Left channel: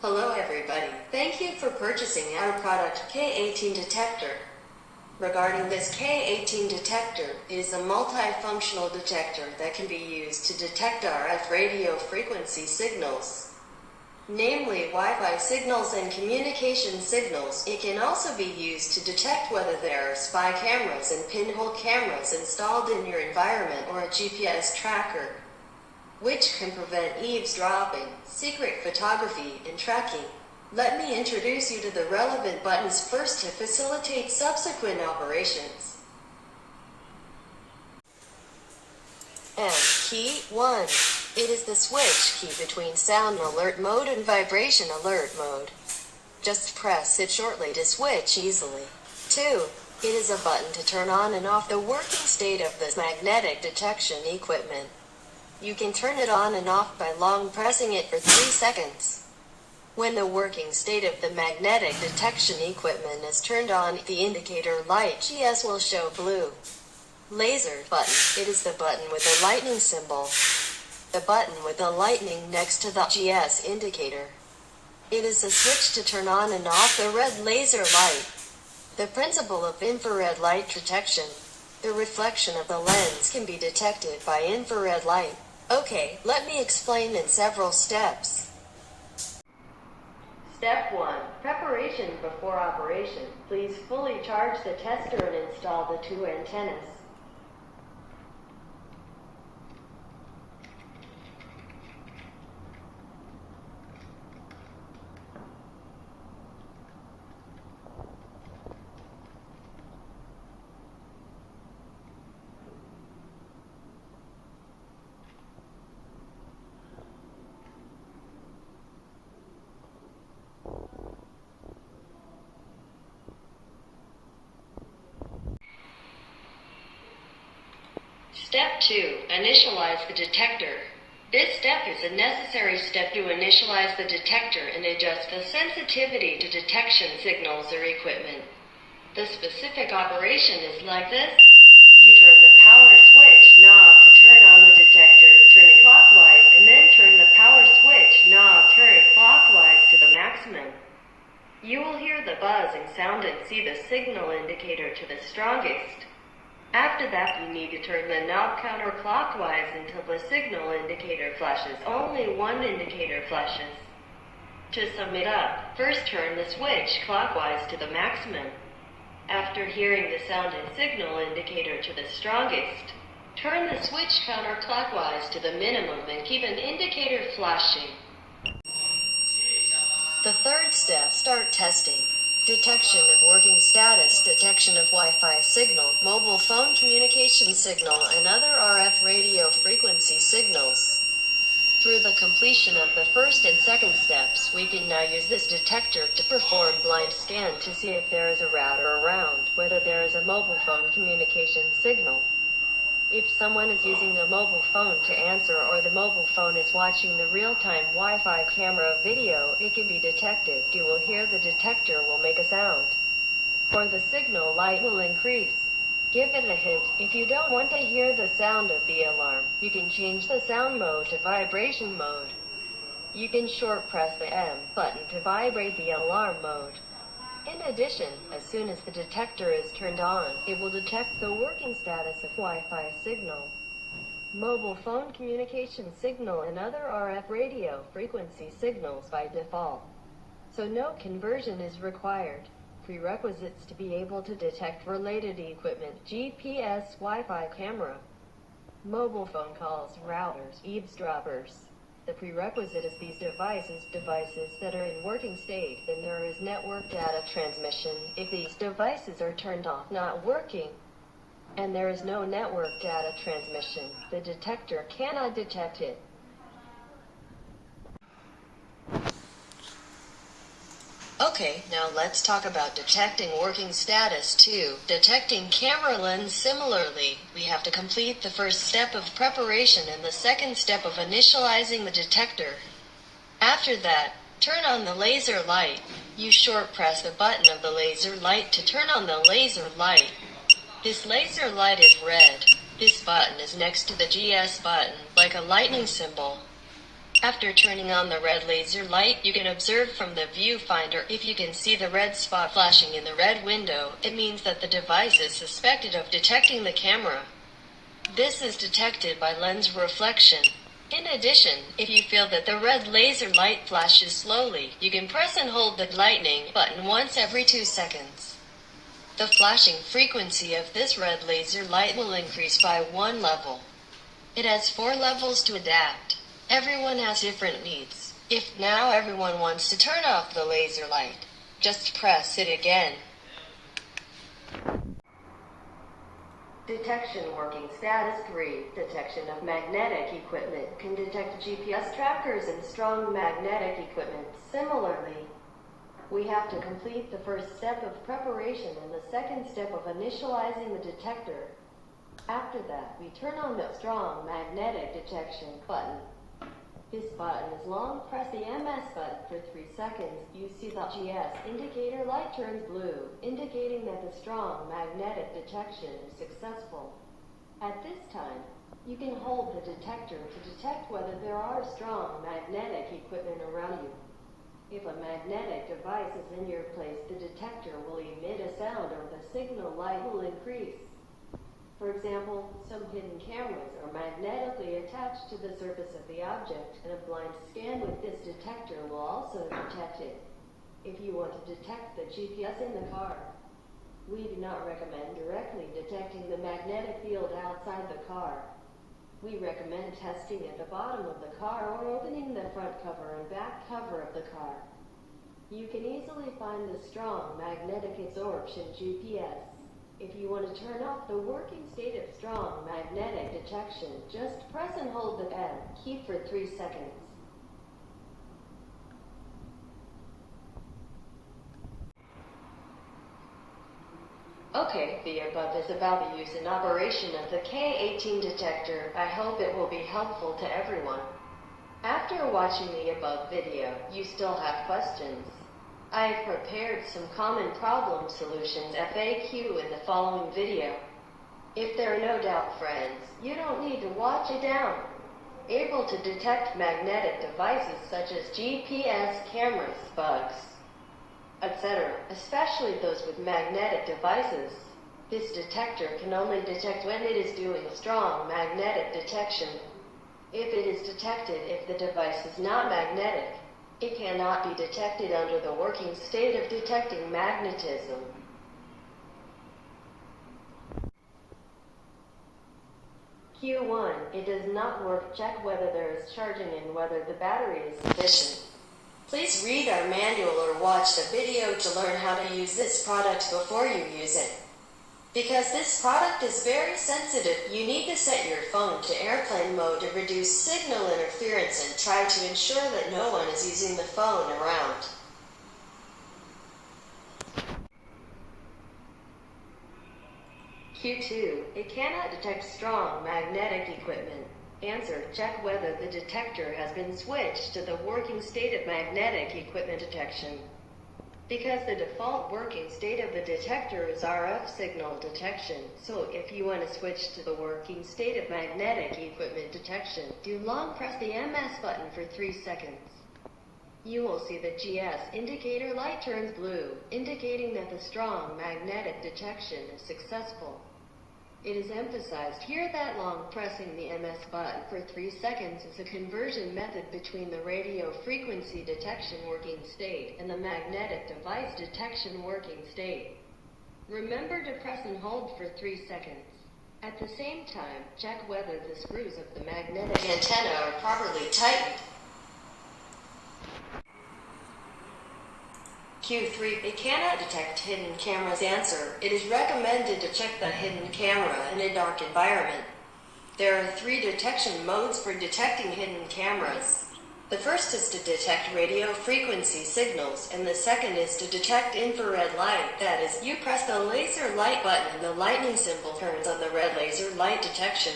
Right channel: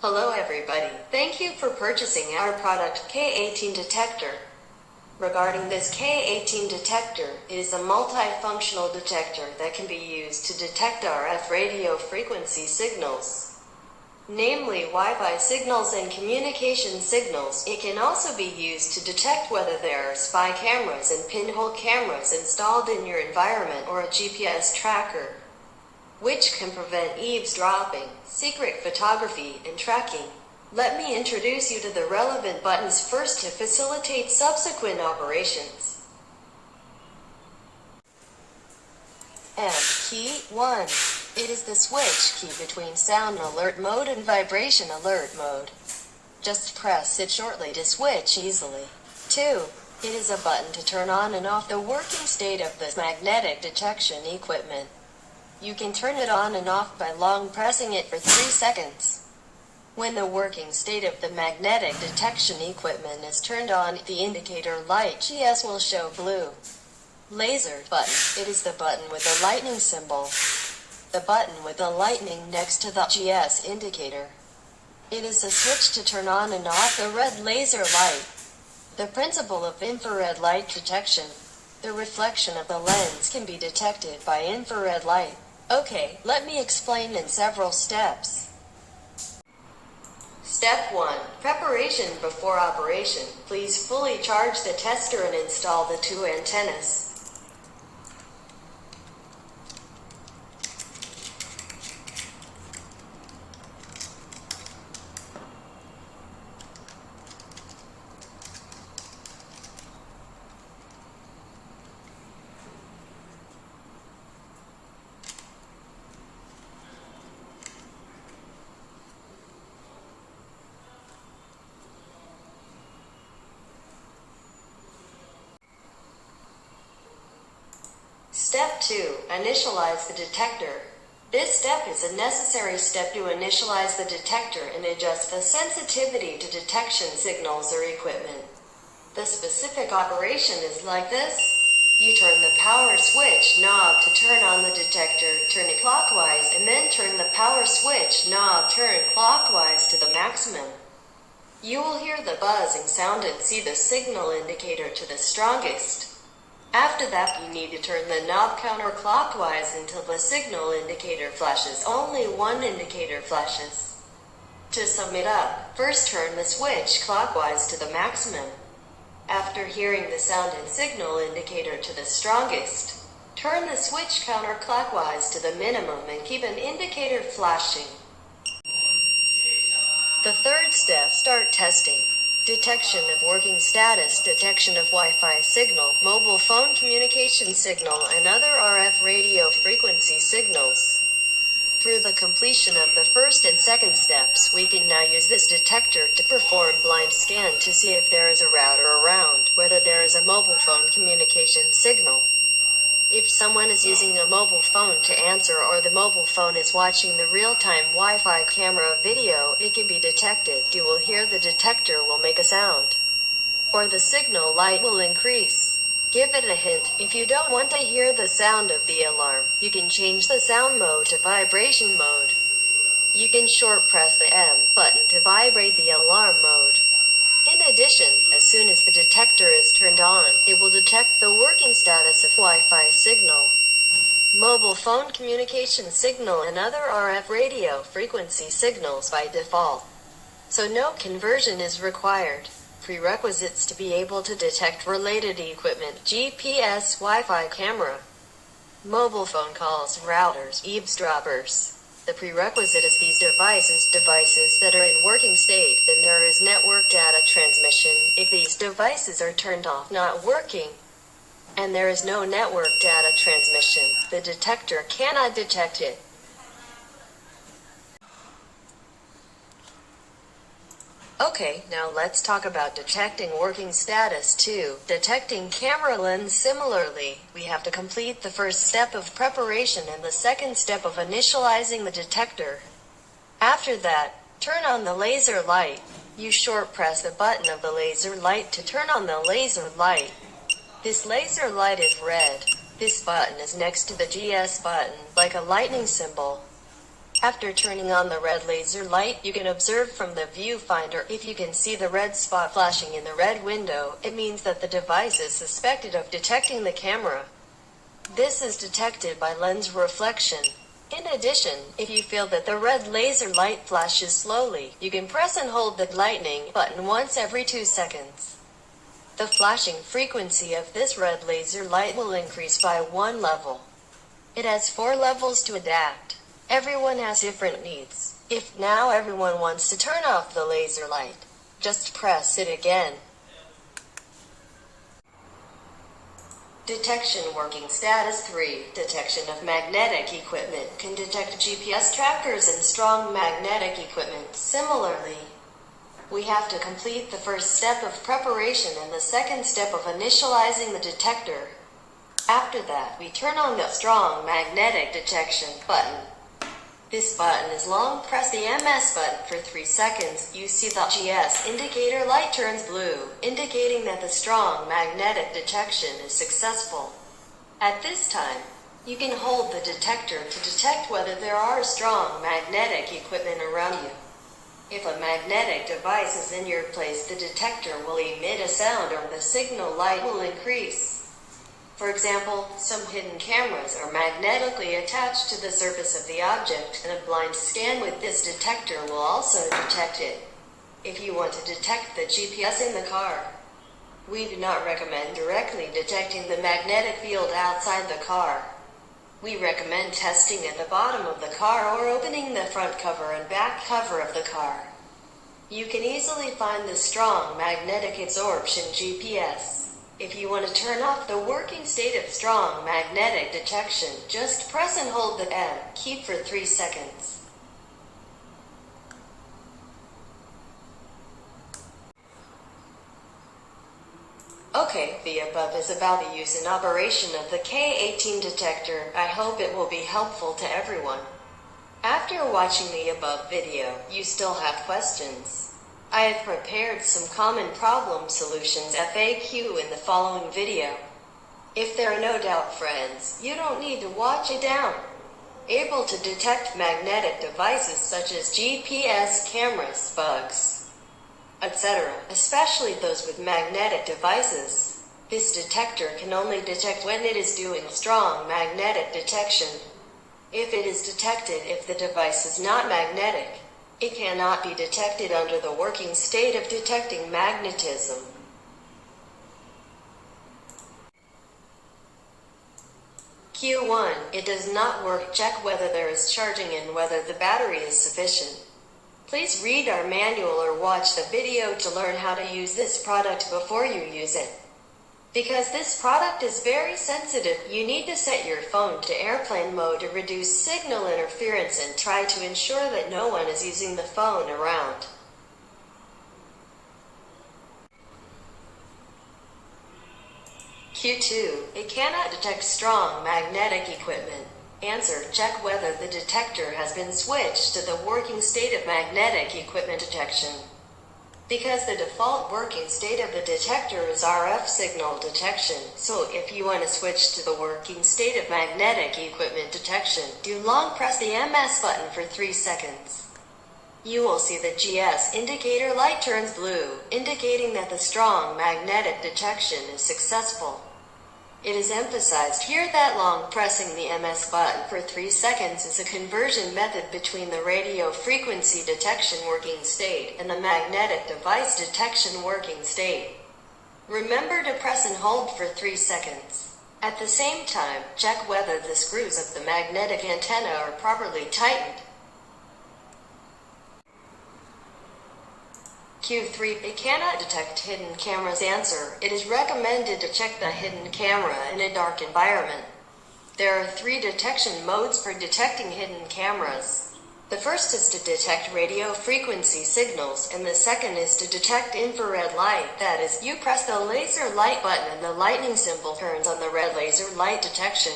Hello everybody. Thank you for purchasing our product K18 Detector. Regarding this K18 detector, it is a multifunctional detector that can be used to detect RF radio frequency signals, namely Wi-Fi signals and communication signals. It can also be used to detect whether there are spy cameras and pinhole cameras installed in your environment or a GPS tracker, which can prevent eavesdropping, secret photography, and tracking. Let me introduce you to the relevant buttons first to facilitate subsequent operations. M key 1. It is the switch key between sound alert mode and vibration alert mode. Just press it shortly to switch easily. 2. It is a button to turn on and off the working state of the magnetic detection equipment. You can turn it on and off by long pressing it for 3 seconds. When the working state of the magnetic detection equipment is turned on, the indicator light GS will show blue. Laser button. It is the button with the lightning symbol. The button with the lightning next to the GS indicator. It is a switch to turn on and off the red laser light. The principle of infrared light detection. The reflection of the lens can be detected by infrared light. Okay, let me explain in several steps. Step 1. Preparation before operation. Please fully charge the tester and install the 2 antennas. Step 2. Initialize the detector. This step is a necessary step to initialize the detector and adjust the sensitivity to detection signals or equipment. The specific operation is like this. You turn the power switch knob to turn on the detector, turn it clockwise, and then turn the power switch knob turn clockwise to the maximum. You will hear the buzzing sound and see the signal indicator to the strongest. After that, you need to turn the knob counterclockwise until the signal indicator flashes. Only one indicator flashes. To sum it up, first turn the switch clockwise to the maximum. After hearing the sound and signal indicator to the strongest, turn the switch counterclockwise to the minimum and keep an indicator flashing. The third step, start testing. Detection of working status, detection of Wi-Fi signal, mobile phone communication signal, and other RF radio frequency signals. Through the completion of the first and second steps, we can now use this detector to perform blind scan to see if there is a router around, whether there is a mobile phone communication signal. If someone is using a mobile phone to answer or the mobile phone is watching the real-time Wi-Fi camera video, it can be detected. You will hear the detector will make a sound, or the signal light will increase. Give it a hint. If you don't want to hear the sound of the alarm, you can change the sound mode to vibration mode. You can short press the M button to vibrate the alarm mode. In addition, as soon as the detector is turned on, it will detect the working status of Wi-Fi signal, mobile phone communication signal, and other RF radio frequency signals by default. So no conversion is required. Prerequisites to be able to detect related equipment: GPS, Wi-Fi camera, mobile phone calls, routers, eavesdroppers. The prerequisite is these devices that are in working state, then there is network data transmission. If these devices are turned off, not working, and there is no network data transmission, the detector cannot detect it. Okay, now let's talk about detecting working status too. Detecting camera lens. Similarly, we have to complete the first step of preparation and the second step of initializing the detector. After that, turn on the laser light. You short press the button of the laser light to turn on the laser light. This laser light is red. This button is next to the GS button, like a lightning symbol. After turning on the red laser light, you can observe from the viewfinder if you can see the red spot flashing in the red window. It means that the device is suspected of detecting the camera. This is detected by lens reflection. In addition, if you feel that the red laser light flashes slowly, you can press and hold the lightning button once every 2 seconds. The flashing frequency of this red laser light will increase by 1 level. It has 4 levels to adapt. Everyone has different needs. If now everyone wants to turn off the laser light, just press it again. Detection working status 3. Detection of magnetic equipment can detect GPS trackers and strong magnetic equipment. Similarly, we have to complete the first step of preparation and the second step of initializing the detector. After that, we turn on the strong magnetic detection button. This button is long. Press the MS button for 3 seconds. You see the GS indicator light turns blue, indicating that the strong magnetic detection is successful. At this time, you can hold the detector to detect whether there are strong magnetic equipment around you. If a magnetic device is in your place, the detector will emit a sound or the signal light will increase. For example, some hidden cameras are magnetically attached to the surface of the object, and a blind scan with this detector will also detect it. If you want to detect the GPS in the car, we do not recommend directly detecting the magnetic field outside the car. We recommend testing at the bottom of the car or opening the front cover and back cover of the car. You can easily find the strong magnetic absorption GPS. If you want to turn off the working state of strong magnetic detection, just press and hold the M key for 3 seconds. Okay, the above is about the use and operation of the K18 detector. I hope it will be helpful to everyone. After watching the above video, you still have questions. I have prepared some common problem solutions FAQ in the following video. If there are no doubt, friends, you don't need to watch it down. Able to detect magnetic devices such as GPS cameras, bugs, etc., especially those with magnetic devices. This detector can only detect when it is doing strong magnetic detection. If it is detected if the device is not magnetic, it cannot be detected under the working state of detecting magnetism. Q1. It does not work. Check whether there is charging and whether the battery is sufficient. Please read our manual or watch the video to learn how to use this product before you use it. Because this product is very sensitive, you need to set your phone to airplane mode to reduce signal interference and try to ensure that no one is using the phone around. Q2. It cannot detect strong magnetic equipment. Answer. Check whether the detector has been switched to the working state of magnetic equipment detection. Because the default working state of the detector is RF signal detection, so if you want to switch to the working state of magnetic equipment detection, do long press the MS button for 3 seconds. You will see the GS indicator light turns blue, indicating that the strong magnetic detection is successful. It is emphasized here that long pressing the MS button for 3 seconds is a conversion method between the radio frequency detection working state and the magnetic device detection working state. Remember to press and hold for 3 seconds. At the same time, check whether the screws of the magnetic antenna are properly tightened. Q3. It cannot detect hidden cameras. Answer. It is recommended to check the hidden camera in a dark environment. There are 3 detection modes for detecting hidden cameras. The first is to detect radio frequency signals, and the second is to detect infrared light. That is, you press the laser light button and the lightning symbol turns on the red laser light detection.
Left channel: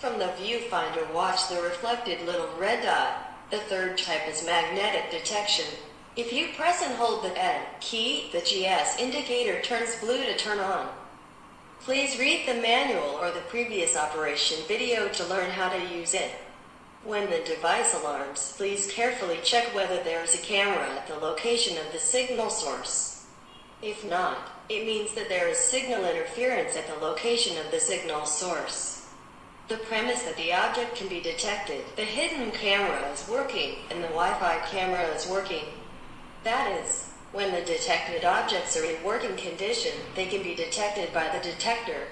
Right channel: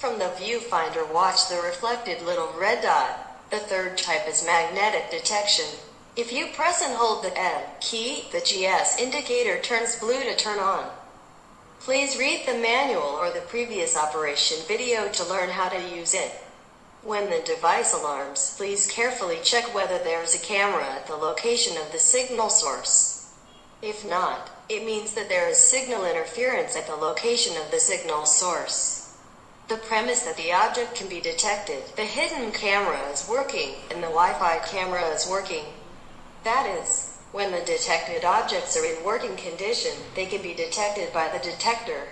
From the viewfinder, watch the reflected little red dot. The third type is magnetic detection. If you press and hold the N key, the GS indicator turns blue to turn on. Please read the manual or the previous operation video to learn how to use it. When the device alarms, please carefully check whether there is a camera at the location of the signal source. If not, it means that there is signal interference at the location of the signal source. The premise that the object can be detected, the hidden camera is working, and the Wi-Fi camera is working. That is, when the detected objects are in working condition, they can be detected by the detector.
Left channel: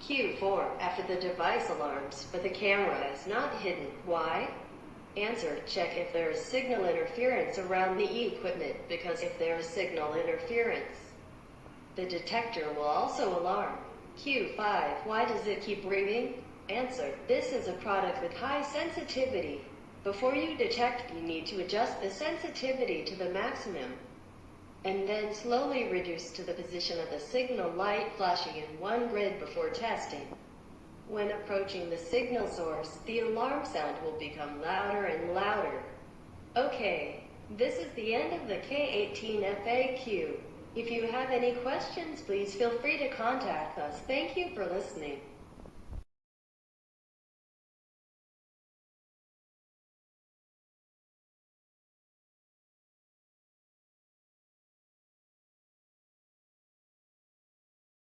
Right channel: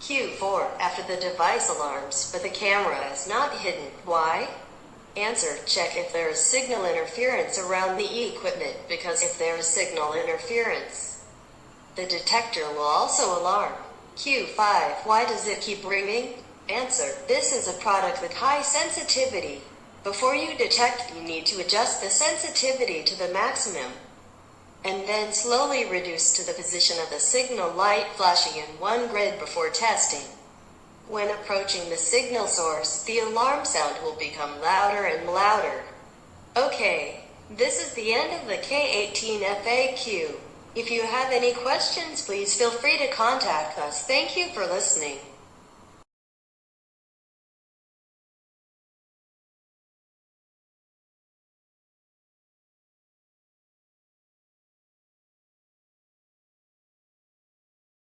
Q4. After the device alarms, but the camera is not hidden. Why? Answer. Check if there is signal interference around the equipment, because if there is signal interference, the detector will also alarm. Q5. Why does it keep ringing? Answer. This is a product with high sensitivity. Before you detect, you need to adjust the sensitivity to the maximum, and then slowly reduce to the position of the signal light flashing in one grid before testing. When approaching the signal source, the alarm sound will become louder and louder. Okay, this is the end of the K18 FAQ. If you have any questions, please feel free to contact us. Thank you for listening.